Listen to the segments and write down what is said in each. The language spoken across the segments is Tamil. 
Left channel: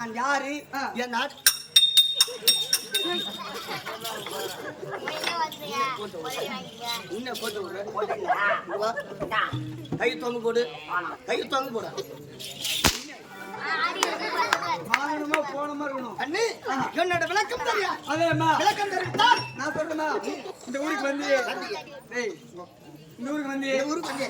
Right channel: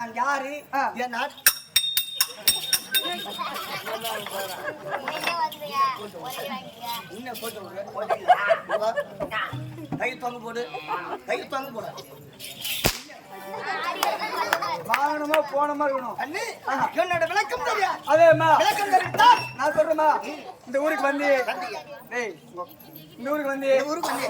நான் யாரு என் நாடு கை தொங்க போடு கை தொங்க போட மானமா போனமா இருக்கணும். அண்ணி என்னோட விளக்கம் தெரியா? அதேமா விளக்கம் தெரிவித்தா நான் சொல்றேமா. இந்த ஊருக்கு வந்து டேய் இந்த ஊருக்கு வந்து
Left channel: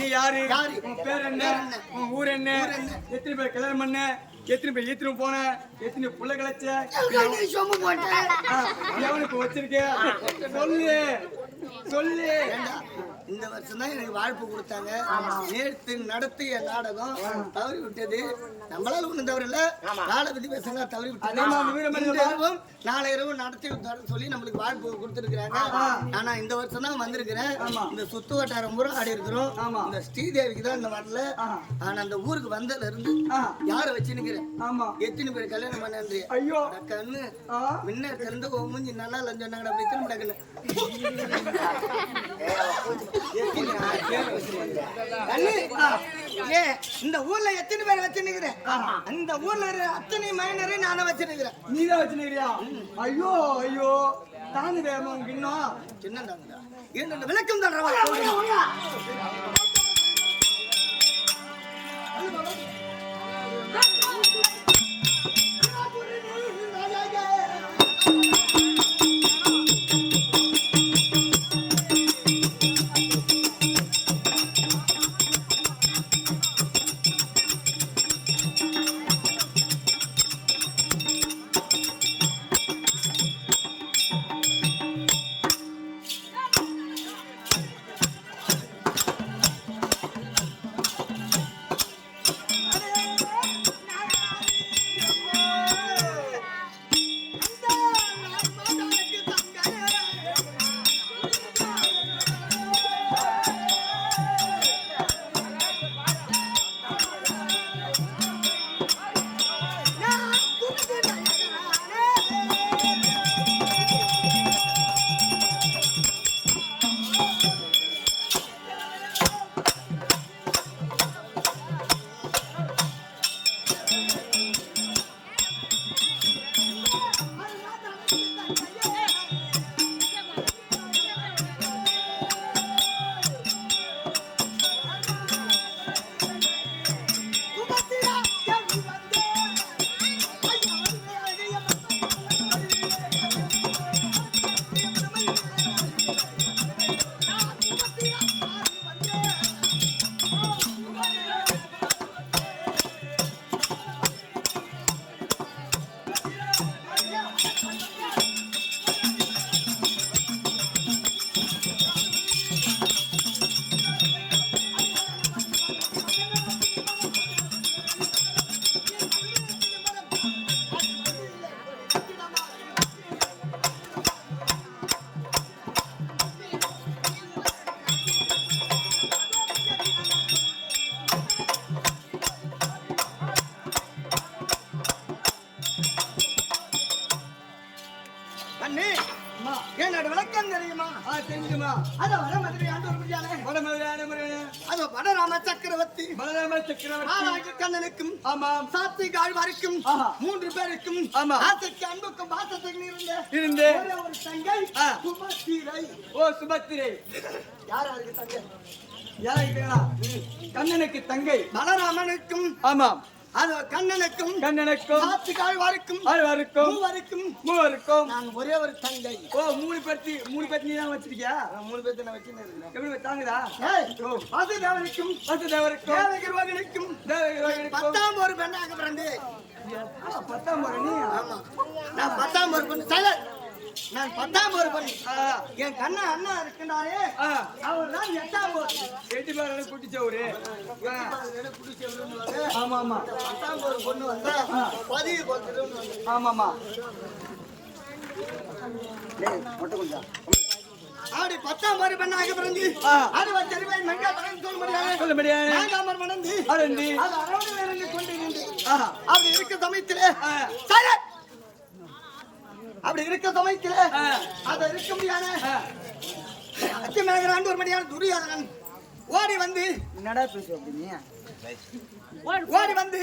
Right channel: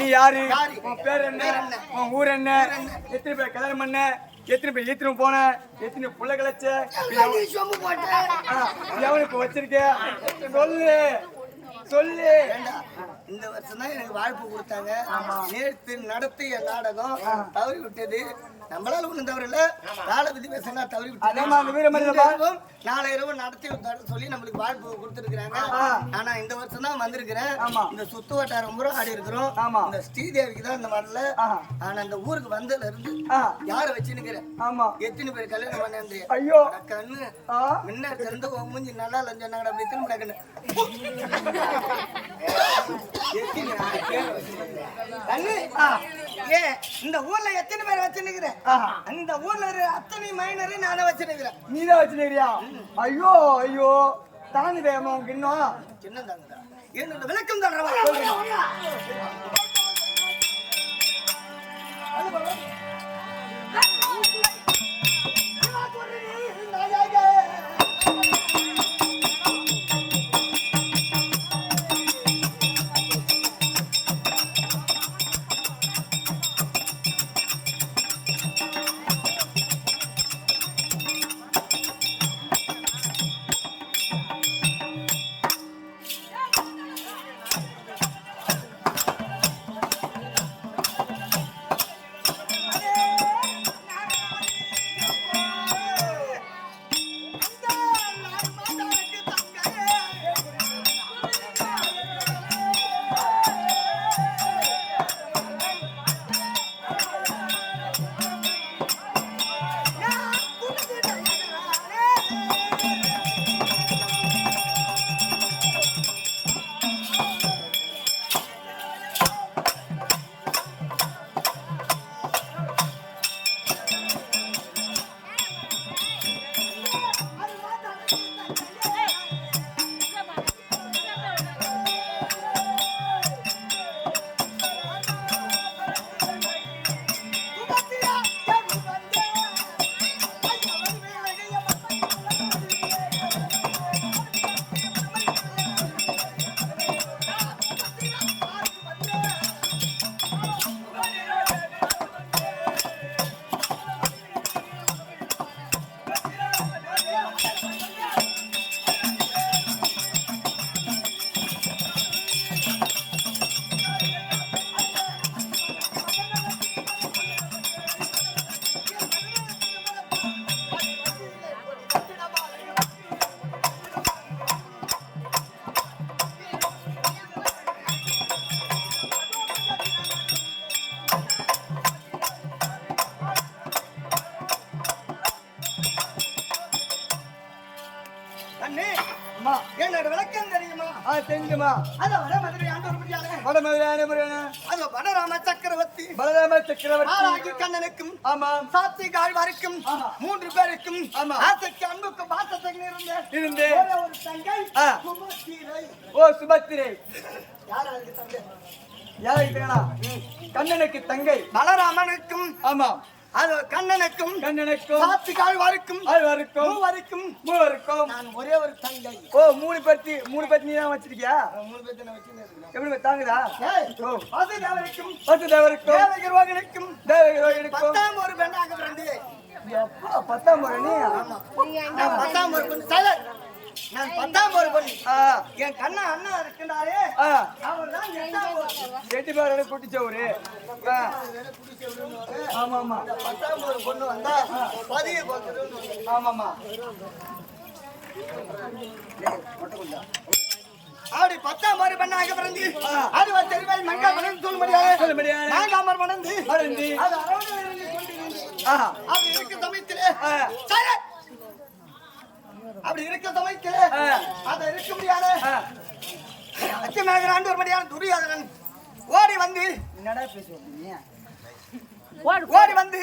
நீ யாரு? உன் பேர் என்ன? உன் ஊர் என்ன? எத்தனை பேர் கல்யாணம் பண்ண? எத்தனை பேர் ஈத்திரம் போன? எத்தனை புள்ள கிளச்ச? எவனை இப்ப வச்சிருக்க? சொல்லு சொல்லு. இந்த வருஷம் தான் எனக்கு வாழ்ப்பு கொடுத்தாங்க. நேற்று நடத்திய நாடகம் தவறி விட்டது. நம்மளால ஒண்ணும் தவறு இல்ல. காலபதி பேசினா தவறி விட்டது. நாளை இரவு நடத்தி சொல்லி நம்மளுக்கு வாழ்ப்பு கொடுத்துருக்காங்க. ஆனா இந்த வருஷம் தான் வந்திருக்கிறேன். இந்த சுத்து வட்டாரம் பூரா ஆடி இருக்கிறோம். இந்த ஸ்ரீதேவிக்கு தான் இந்த வரல. ஆனா அந்த ஊருக்கு வந்ததுல இருந்து யார வச்சுனுக்கிறேன்? எத்தனை பேர் கல்யாணம் பண்ண? ஐயோ கண்ணு முன்ன திறந்து மூஞ்சி நல்லா இல்லைன்னு சொன்னாங்க. அப்படி திரும்ப கண்ணு இந்த ஊர்ல எத்தனை பேர் வச்சுருக்கிறேன்? அந்த ஊர்ல அத்தனை மைனரு நானே வச்சிருக்கிறேன். நீதான் வச்சுருக்கியா? ஐயோ ஐயோ தாங்குதே உனக்கு இன்னும் சின்ன தாங்குதா? என்ன விளக்கம் தர்றவா? என்னோட விளக்கம் தெரியுமா? தெரியுமா? அது வட மதுரை ஆண்டு வட மதுரை அது வடராம சக்கரவர்த்தி ஆராகி கண்ணனுக்கும் சாத்தி ஆழ்வாருக்கும் 3 பேருக்கும் ஆசைக்கு அன்புக்கும் பாசத்துக்கு இருந்த ஒரு தங்கை சுபத்திரை. ஓ சுபத்திரை. யாராருக்கு தங்கை? யாருக்கு? கண்ணனுக்கு தங்கை பலராமனுக்கும். ஆமாம் அது கண்ணனுக்கும் சாத்துக்கு ஆழ்வாருக்கும் மூவருக்கும் நான் ஒரே ஒரு தங்கை. ஓ 3 பேர்த்தி நீ தான் வச்சிருக்கியா? 3 பேர்த்தி நான் வச்சிருக்கேன். எப்படி தாங்குதா? வாசுதேவனுக்கும் தேவகிரோகனுக்கும் 10ஆம் ஒரு பெண்ணாக பிறந்து. எப்பா 10ஆம் ஒரு நீ? ஆமா நான் 10ஆம் ஒரு பெண். சைலண்ட். நான் 10ஆம் ஒரு பெண். என் கண்ணா அண்ணா இருக்கின்றாரே அவர் தான் 8ஆம் ஒரு. 8 பேரோட குட்டிச்சவரு. ஆமா ஆமா 10ஆம் ஒரு பொண்ணு வந்தா பதிய கொடுத்துருன்னு. ஆமாமா அப்படி 10ஆம் ஒரு பெண்ணாக பிறந்து அது தெரிவாய் மங்கா மனம் சொல்ல முடியாது. நாங்காமர் மணந்து அது அரவணையில் இருந்து கொண்டிருந்து அப்படி இருக்க சமயத்திலே அப்படி இருக்க சமயத்தில அத இருக்க முடியாத அச்சமேகராண்டு ஒரு மணியான துரியோதனன் ஓடி வந்து என்னடா பேசுவ அப்படிங்க ஓடி வந்து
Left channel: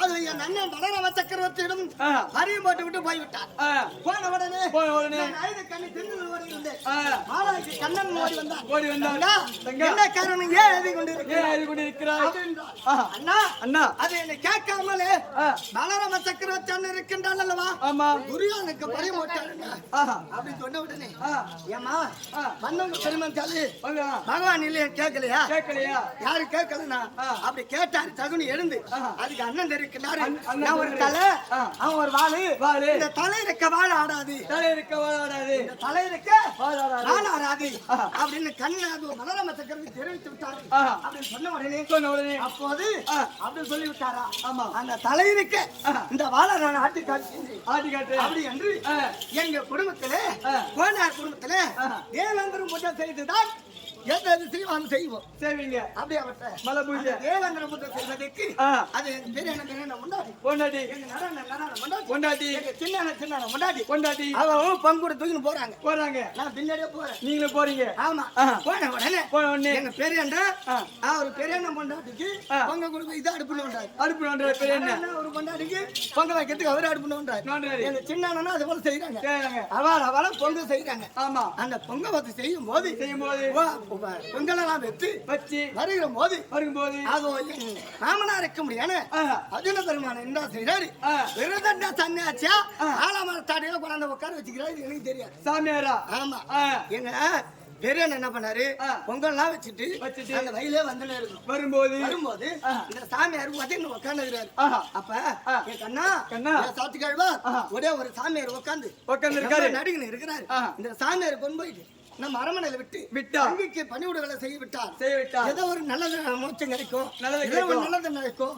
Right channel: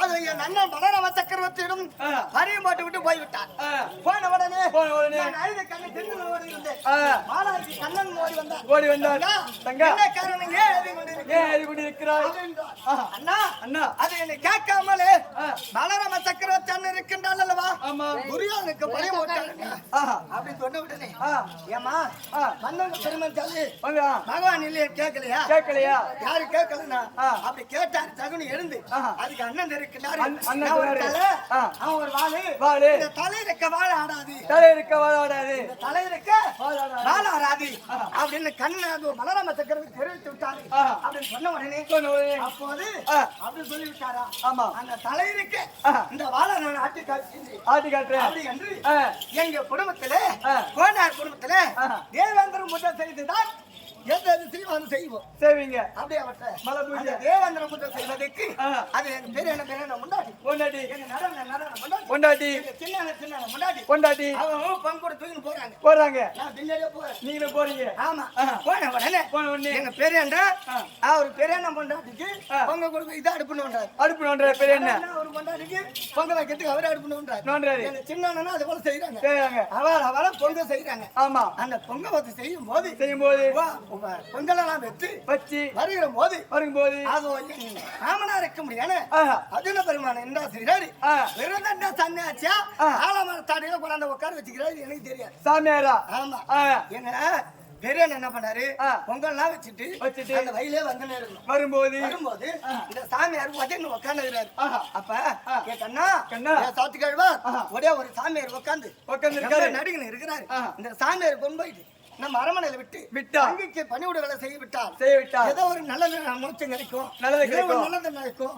அது என் அண்ணன் பலராம சக்கரவர்த்தியிடம் பரியம் போட்டு விட்டு போய்விட்டார். போன உடனே ஐந்து கண்ணு தென்னில் ஓடி இருந்தேன். மாலாய்க்கு கண்ணன் ஓடி வந்தான். என்ன காரணம் ஏன் எழுதி கொண்டிருக்கிறாய்? அண்ணா அது என்னை கேட்காமலே பலராம சக்கரவர்த்தி அண்ணன் இருக்கின்றான் அல்லவா? துரியோதனுக்கு பரியம் போட்டாருங்க அப்படின்னு சொன்ன உடனே ஏமா வந்தவங்க பெருமந்தாலு பகவான் இல்லையே கேட்கலையா? யாரு கேட்கலனா அப்படி கேட்டாரு தகுனி எழுந்து அதுக்கு அண்ணன் இருக்கிறாரு. ஒரு தலை அவன் ஒரு வாழு இந்த தலை இருக்க வாழ ஆடாது தலை இருக்க வாழ ஆடாது அப்படின்னு கண்ணு அது பலராம சக்கரவர்த்தி தெரிவித்து விட்டாரு அப்படின்னு சொன்ன உடனே அப்போது அப்படின்னு சொல்லி விட்டாரா? ஆமா அந்த தலை இருக்க இந்த வாழ நான் ஆட்டி காட்டுறேன் அப்படி என்று எங்க குடும்பத்திலே கோனார் குடும்பத்திலே தேவேந்திரம் புத்தம் செய்துதான் செய்வீங்க அப்படியே மலை பூஜை தேவேந்திர புத்தம் செய்வதற்கு அது எங்க பேர் என்ன பொண்டாட்டி எங்க பொண்டாட்டி எங்க சின்ன பொண்டாட்டி அவங்க பங்குட தூக்கி போறாங்க நான் பின்னாடியே போறேன். நீங்களும் போறீங்க? ஆமா. போன உடனே எங்க பேர் என்ன அவர் பேர் என்ன பொண்டாட்டிக்கு பொங்க கொடுக்க இதை அடுப்புன்னு பேர் என்ன ஒரு பொண்டாட்டிக்கு பொங்க வைக்கிறதுக்கு அவர் அடுப்புன்னு எங்க சின்ன அது போல செய்யறாங்க. அவள பொங்க செய்யறாங்க. ஆமா அந்த பொங்க வச்சு செய்யும் போது பொங்கலாம் வச்சு வரும்போது அது மாமனார் இருக்க முடியாது. அர்ஜுன பெருமான என்ன செய்யறாரு? விரதண்டா சன்னியாச்சியா ஆலமரத்தாடியில கொண்டாந்து உட்கார வச்சுக்கிறாரு. எனக்கு தெரியாது. சாமியாரா? ஆமா. எங்க பெரியன் என்ன பண்ணாரு? பொங்கல்லாம் வச்சுட்டு அந்த வயலே வந்து வரும்போது இந்த சாமியார் உதவி உட்காந்துக்கிறாரு. அப்ப என் கண்ணா சாத்து கழுவா ஒரே ஒரு சாமியார் உட்காந்து நடிகன் இருக்கிறாரு. இந்த சாமியார் கொண்டு போயிட்டு நம்ம அரமனையில விட்டு அங்கிக்கு பணிவுடை செய்ய விட்டார். ஏதோ ஒரு நல்லது மோட்சம் கிடைக்கும், நல்லது நடக்கும்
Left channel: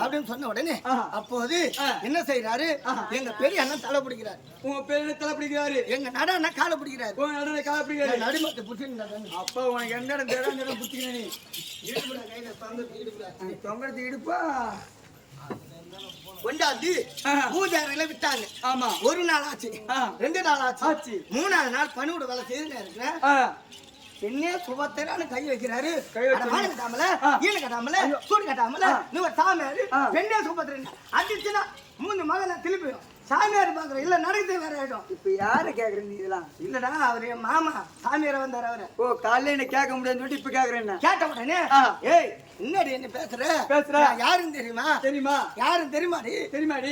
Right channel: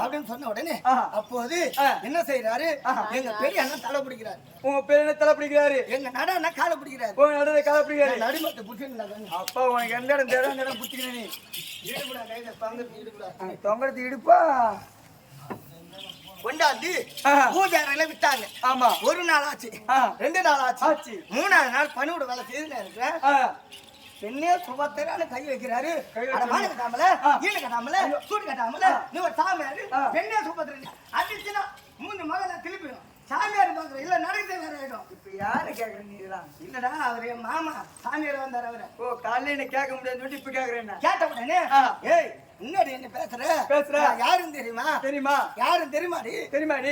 அப்படின்னு சொன்ன உடனே அப்போது என்ன செய்யறாரு? எங்க பெரிய அண்ணன் தலை பிடிக்கிறாரு. உங்க பெரிய அண்ணன் தலை பிடிக்கிறாரு. எங்க நட அண்ணன் காலை பிடிக்கிறாரு. நடுமத்தை பிடிச்சிருந்தாங்க. அப்பா உனக்கு எந்த இடம் தேவை அந்த இடம் பிடிச்சிக்க. நீ தொங்கறது இடுப்பா கொண்டாந்து பூஜாரில விட்டாங்க. ஆமா ஒரு நாள் ஆச்சு, 2 நாள் ஆச்சு, 3ஆவது நாள் பணியோட வேலை செய்து இருக்கிறேன். என்னே சுபத்திரான்னு கை வைக்கிறாரு. கட்டாமல ஈடு கட்டாமல சூடு கட்டாமல நீ ஒரு சாமியாரு என்னே சுபத்திரன் அடிச்சுன்னா 3 மகனை திருப்பிடும். சாமியார் பாக்குற இல்ல நடக்குது வேற ஆயிடும். இப்ப யாரு கேக்குறீங்க? இல்லடா அவரு மாமா சாமியார் வந்தாரு. அவரு ஓ காலையில என்ன கேட்க முடியாது இப்ப கேக்குறேன். கேட்ட உடனே ஏய் என்னடி என்ன பேசுற யாருன்னு தெரியுமா? யாரும் தெரியுமாடி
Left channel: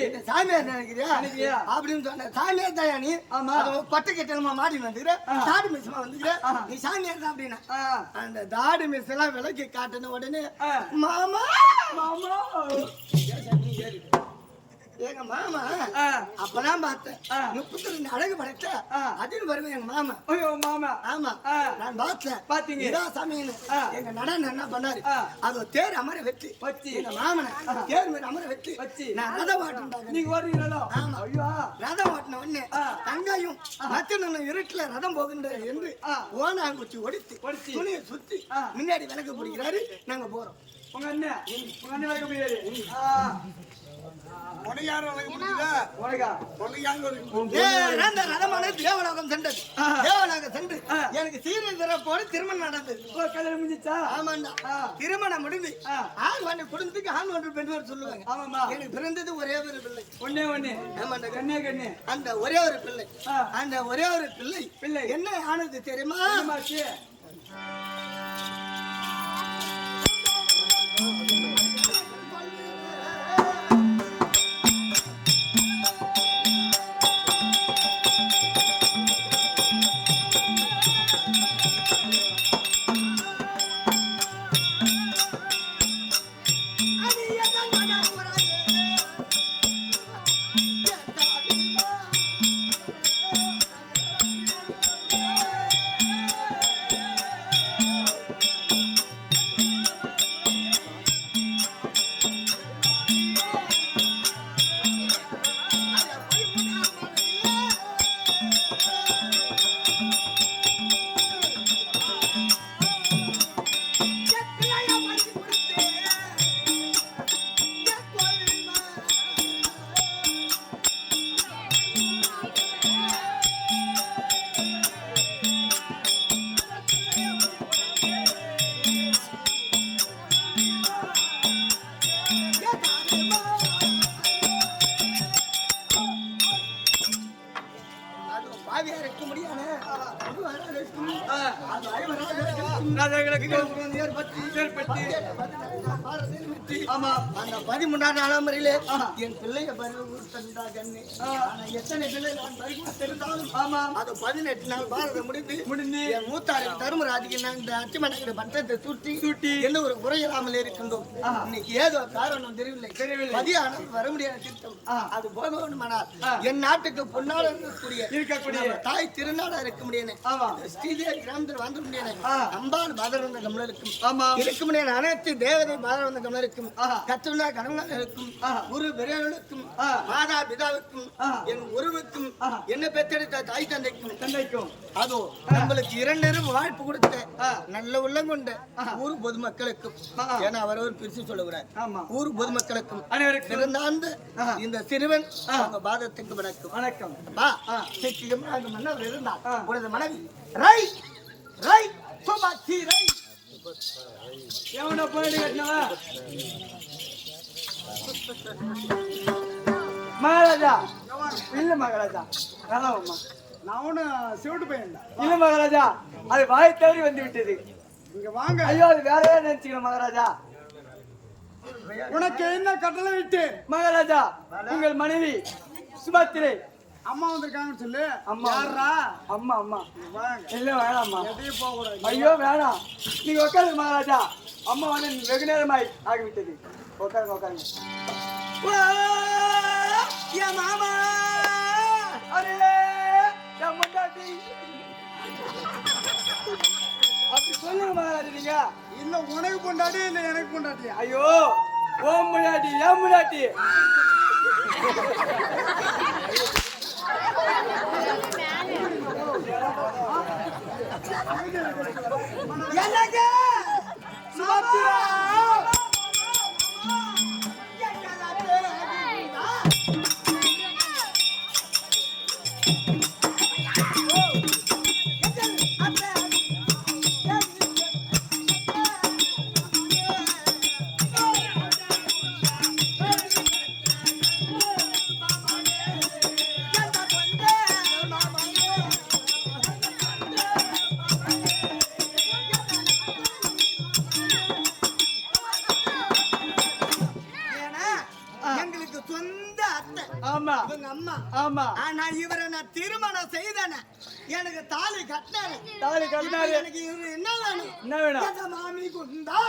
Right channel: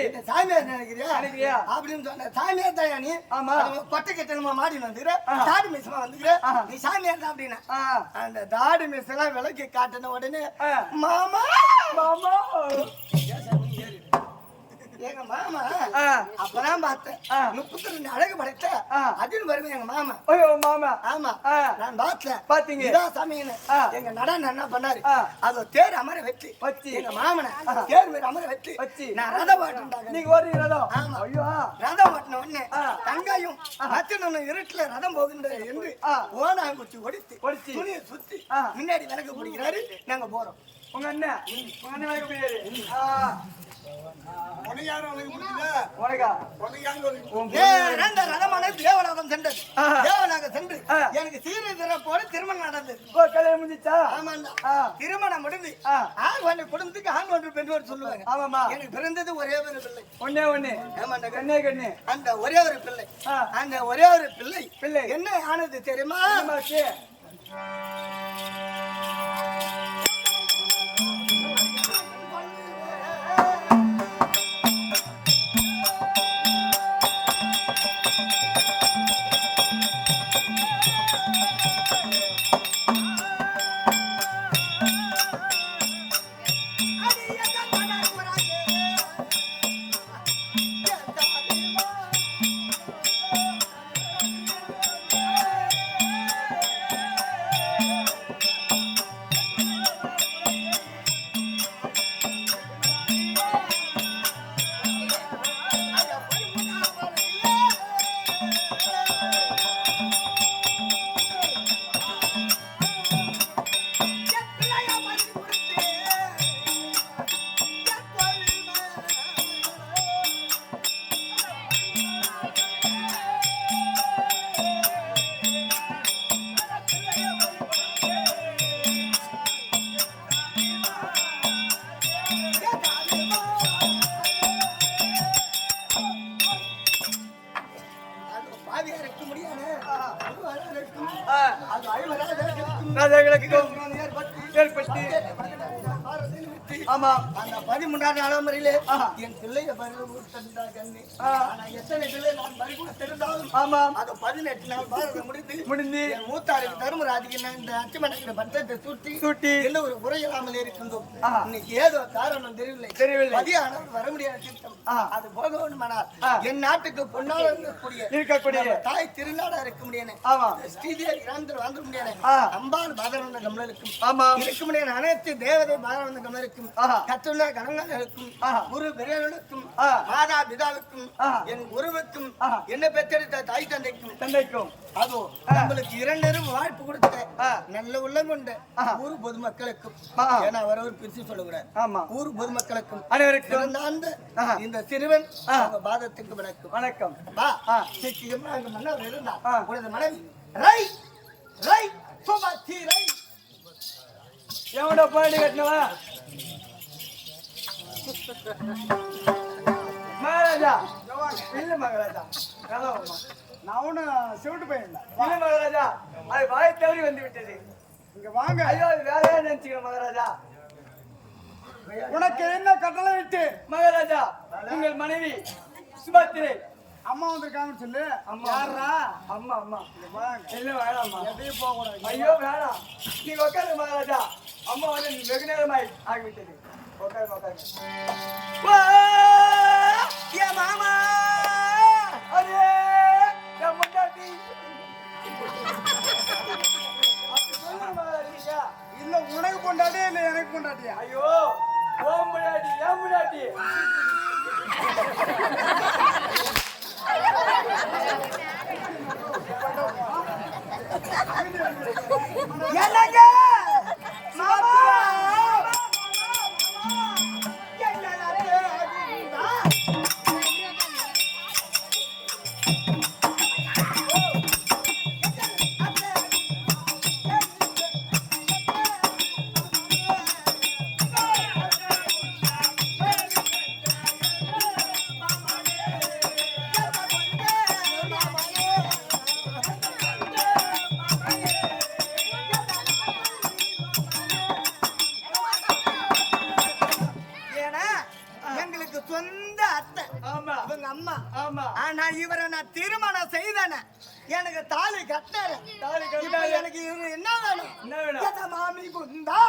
இந்த சாமியார் நினைக்கிறியா அப்படின்னு சொன்ன. சாமியார் தான் நீ? ஆமா. பட்டை கட்டணமா மாடி வந்துக்கிற தாடி மிஸ்மா வந்துக்கிற நீ சாமியார் தான் அப்படின்னா அந்த தாடி மிஸ் எல்லாம் விலைக்கு காட்டின உடனே மாமா எங்க மாமா அப்பதான் பார்த்தேன் 32 அழகு படைத்த அதுன்னு வருவேன் எங்க மாமா. ஆமா நான் பார்த்தேன். பாத்தீங்க இதான் சாமின்னு எங்க நடன என்ன பண்ணாரு? அது தேர் அமர வச்சு எங்க மாமனை தேர் மீது அமர வச்சு நான் ரதம் ஓட்டுண்டாங்க. நீங்க ஓடுறீங்க ரதம்? ஆமா. ஐயோ ரதம் ஓட்டின உடனே தங்காயும் மச்சனும் இருட்டுல ரதம் போகின்றது என்று ஓனாங்குச்சி ஒடித்து துணியை சுத்தி முன்னாடி விளக்கு பிடிக்கிறாரு. நாங்க போறோம். உங்க அண்ணன் விளக்கு பிடிக்கிறாரு. தேவநாதம் சென்றது. தேவநாதம் சென்று எனக்கு சீரை திறப்போடு திருமணம் நடந்தது. கல்யாணம் முடிஞ்சிச்சா? ஆமாண்டா. திருமணம் முடிந்து குடும்பத்துக்கு ஆண் ஒன்று பெண் ஒன்று சொல்லுவாங்க. ஆமாமா. எனக்கு பிறந்தது ஒரே ஒரு பிள்ளை. ஒண்ணே. ஆமாண்டா. கண்ணே. அந்த ஒரே ஒரு பிள்ளை. அந்த ஒரே ஒரு பிள்ளை என்ன ஆனது தெரியுமா? தேவையா இருக்க முடியாது அது ஐவராஜர்களுக்கும் ஏற்பட்டு ஆமா அந்த 13ஆம் நடைமுறையிலே என் பிள்ளைய பறிகொடுத்தா கண்ணு எத்தனை பிள்ளை நான் பறிகொடுத்திருந்தாலும் ஆமா அது 18 நாள் பாரதம் முடிந்து என் மூத்தாருக்கு தர்மராஜுக்கு நான் இந்த அச்சமனக்கிற பட்டத்தை சுட்டி என்ன ஒரு குறையில்லாமல் இருக்கின்றோம் இன்னைக்கு ஏதோ காரணம் தெரியவில்லை மதியானம் வர முடியாத திட்டம் அது போக வேண்டுமானால் என் நாட்டுக்கு பொன்னால இருக்கக்கூடிய தாய் திருநாடா இருக்க முடியாது ஸ்ரீதேவி கிராமத்தில் வந்து முடியாது அம்பாள் பாதரவந்த கமலருக்கும் இருக்க முடியாது அனைத்து தேவதை பாதரவந்த கமலருக்கும் கத்துள்ள கணவர்களுக்கும் குரு பெரியவர்களுக்கும் மாதா பிதாவுக்கும் என் குருவுக்கும் என்ன பெற்றெடுத்த தாய் தந்தைக்கும் அதோ நம்மளுக்கு இரண்டரும் வாய்ப்பு கொடுத்த நல்ல உள்ளம் கொண்ட ஊர் பொதுமக்களுக்கும் ஏன்னா அவரவர் பிரிச்சு சொல்லக்கூடாது ஊர் பொதுமக்களுக்கும் இந்த சிறுவன் பாதத்துக்கு வணக்கம் மன்னர் இருந்தார் உனது மனைவி ரை ரை சோபாச்சி ரை எவனோ பாடி கட்டினவா மகாராஜா இல்ல மகாராஜா நான் செவிட்டு பையன் இல்ல மகாராஜா அது வாய் தவறி வந்து விட்டது இங்க வாங்க ஐயோ அது வேறையே நினைச்சுக்கிறேன் மகாராஜா உனக்கு என்ன கட்டளை விட்டு மகாராஜா உங்கள் மனைவி சுபத்திரை அம்மா வந்திருக்காங்கன்னு சொல்லு யாரா அம்மா அம்மா வாங்க இல்ல வேணாம்மா எதையும் போக கூடாது ஐயோ வேணாம் நீங்க உட்காருங்க மகாராஜா அம்மா வந்து வெகு நேரமாய் ஆகிவிட்டது உட்காருங்க மாமா அரே என் முன்னாடி இல்ல உனக்கு பொண்டாட்டி இல்ல எனக்கு பொண்டாட்டியா ஐயோ ஓம் முன்னாடி ஏன் முன்னாடி என்னங்க திருமணம் செய்தானே எனக்கு தாலி கட்டினாரு எனக்கு என்ன வேணும் மாமி குந்தா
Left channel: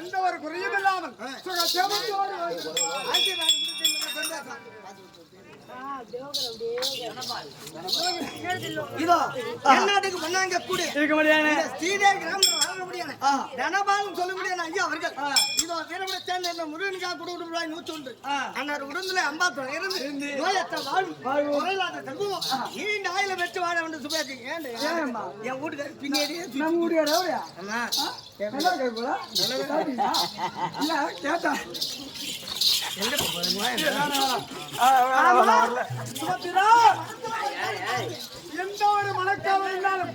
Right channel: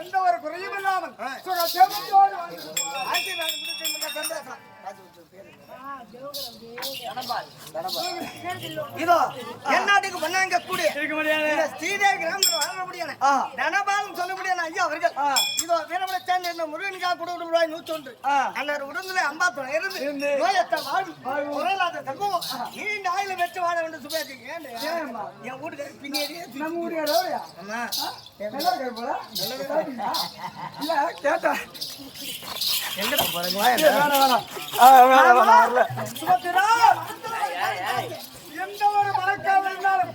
எந்த ஒரு குறையும் இல்லாமல் இதோ என் நாட்டுக்கு பண்ணாங்க கூட இருக்க முடியாது. இந்த ஸ்ரீதேவி கிராமத்துல வாழ முடியாது தனபால் சொல்ல முடியாது ஐயா அவர்கள் இதோ வீரபுர சேர்ந்த இந்த முருகனுக்காக கூட ரூபாய் 101 அன்னார் உடம்புல 50 இருந்து நோயற்ற வாழ்வு குறையில்லாத செல்வம் நீண்ட ஆயில பெற்று வாழ வேண்டும் சுபேஜி ஏன் என் வீட்டுக்காரி பின்னாடியே நம்ம ஊரு யாரா? ஆமா நல்லா இருக்கு போல. இல்ல கேட்டா எங்கடா போறீங்க சுபத்திரா எந்த ஒரு மனக்காவல் இருந்தாலும்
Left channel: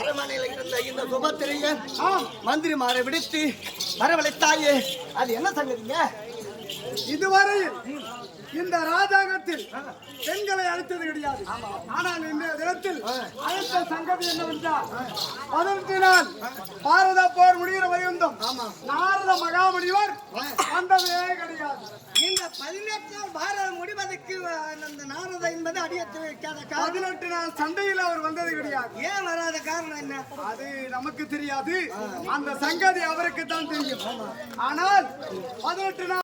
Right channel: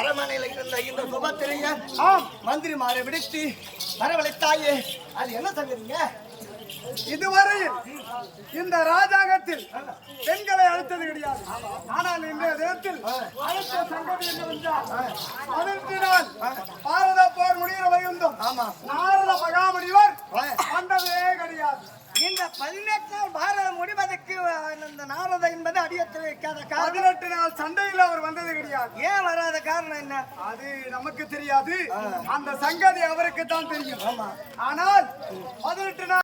அரமனையில இருந்த இந்த சுபத்திரைய மந்திரிமாரை விடுத்து வரவழைத்தாயே அது என்ன சங்கதிங்க இதுவரையில் இந்த ராஜாங்கத்தில் பெண்களை அழைத்தது கிடையாது. ஆனால் இன்றைய தினத்தில் அழைத்த சங்கதி என்னவென்றால் 18 நாள் பாரத போர் முடிகிற வைகுந்தம் நாரத மகாமுனிவர் வந்ததே கிடையாது. இந்த 18 நாள் பாரதம் முடிவதற்கு இந்த நாரத என்பது அடியத்து வைக்காத 18 நாள் சண்டையில் அவர் வந்தது கிடையாது. ஏன் வராத காரணம் என்ன அது நமக்கு தெரியாது. அந்த சங்கதி அவருக்கு தான் தெரியும். ஆனால் 18 நாள்